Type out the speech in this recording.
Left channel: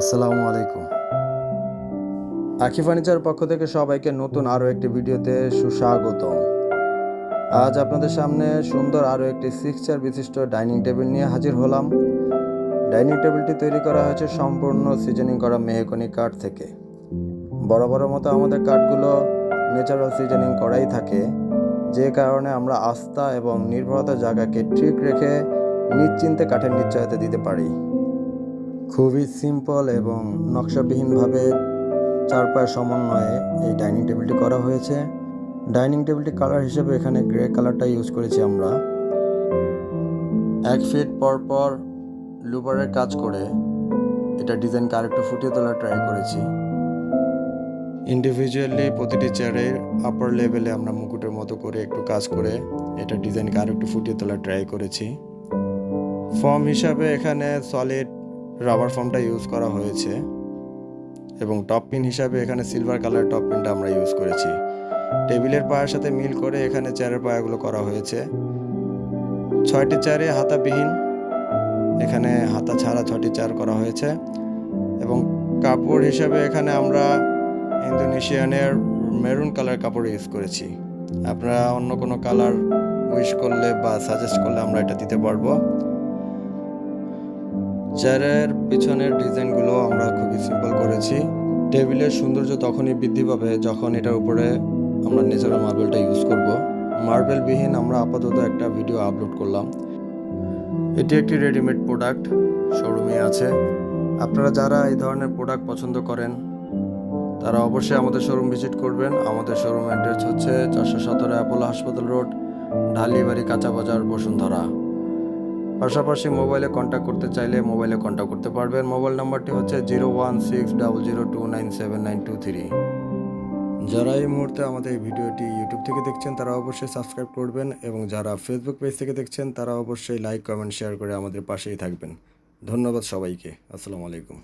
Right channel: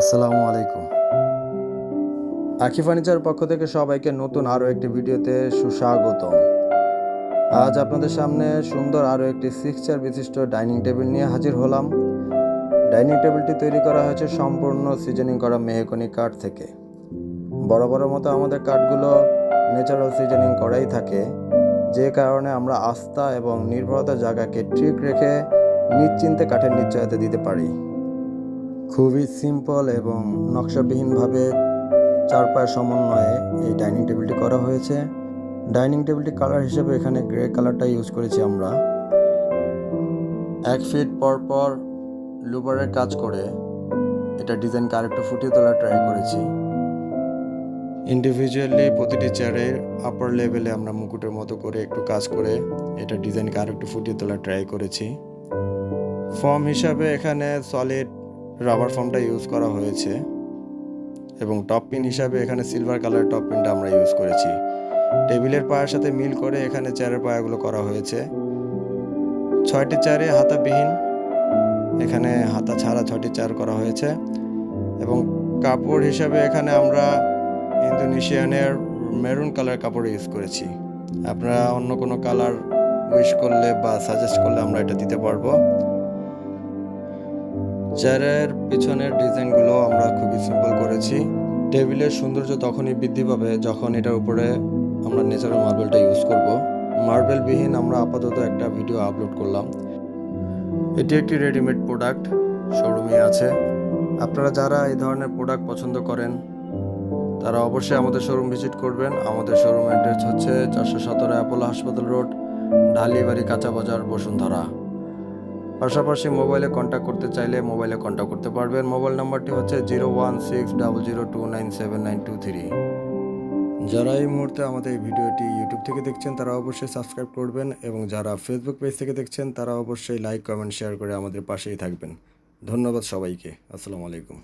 আসসালামু আলাইকুম। আখি ফার্নিচার পক্ষ থেকে সবাইকে নতুন আরও একটি ভিডিওতে সুস্বাগতম। আজ আপনাদের সামনে সুন্দর আরও একটি 6 চেয়ার বিশিষ্ট ডাইনিং টেবিল নিয়ে হাজির হলাম। ডাইনিং টেবিলটি তৈরি করা হয়েছে সম্পূর্ণ সিজনিং করা মেহগনি কাঠ থেকে। বড় মতো আমাদের কাঠগুলো ন্যাচারাল সিজনিং করাই থাকে, যে কারণে আমরা আস্থা এবং নির্ভরতার জায়গাকে ঠিক রেখে নিশ্চিন্তে কাঠের নিশ্চয়তা দিতে পারি। খুবই সিম্পল এবং নকশাবিহীনভাবে 4 পায়ের সমন্বয়ে এই ডাইনিং টেবিলটি করা হয়েছে। ডাইনিং টেবিলটি কালার হিসেবে এখানে গ্রে কালারটা ইউজ করেছি আমরা। 1 ফিট পর লুবারের কাজ করে এটা ডিজাইনকে আরেকটু ফুটিয়ে তোলার ট্রাই করেছি। ইন্ডিভিজুয়ালি প্রতিটি চেয়ারের আপার লেভেলে আমরা মুকুটের মতো করে একটু কাজ করে এটা ডিজাইনকে আরেকটু ফুটিয়ে তোলার ট্রাই করেছি। ফর্ম হিসাবে এখানে সলিড রাবার ফর্মটা ইউজ করা হয়েছে এবং টপ পিন হিসাবে এখানে সিলভার কালার টপ পিনটা আমরা ইউজ করেছি। টেবিলের পায়ের সাথে মিল করে এখানে চেয়ারের পায়াগুলো করা হয়েছে। 6টি চেয়ারে হাতাবিহীন, এখানে হাতা ছাড়া 6টি চেয়ার করা হয়েছে এবং কাপড় হিসাবে এখানে আমরা ইন্দোনেশিয়ানের মেরুন কালার কাপড় ইউজ করেছি। আপনারা অন্য কোনো কালার উইশ করলে বা সাজেস্ট করলে আমরা এটা দিতে পারবো। চেয়ারের পিছনের ডিজাইনগুলো আমরা খুবই সিম্পল করেছি। টেবিলের সৌন্দর্য তখনই বৃদ্ধি পাবে যখন এটার উপরে আমরা ন্যাচারাল মার্বেলটা ইউজ করব। মার্বেলবিহীন আমরা আপাতত একটা ভিডিও আপলোড করলাম। এটি একটি রেডিমেড প্রোডাক্ট, শোরুমে আছে। আপনারা যারা এই ধরনের প্রোডাক্ট পছন্দ করেন তারা অবশ্যই আমাদের শোরুম ভিজিট করবেন। আমাদের শোরুম অ্যাড্রেস হচ্ছে 417 অ্যাপোলো হাসপাতাল রোড, ঢালিবাড়ি, কাঁচা বাজার, বসুন্ধরা। পাশাপাশি মোবাইলে কন্ট্যাক্ট করতে চাইলে মোবাইলে কন্ট্যাক্ট করতে পারবেন। মোবাইল নাম্বারটি হচ্ছে 01600297923। যারা এই মুহূর্তে আমাদের এই ভিডিওটি ইউটিউব থেকে দেখছেন তারা অবশ্যই সাবস্ক্রাইব করবেন এবং যারা ফেসবুক পেজ থেকে দেখছেন তারা অবশ্যই লাইক, কমেন্ট, শেয়ার করে আমাদের পাশেই থাকবেন। ধন্যবাদ সবাইকে। আসসালামু আলাইকুম।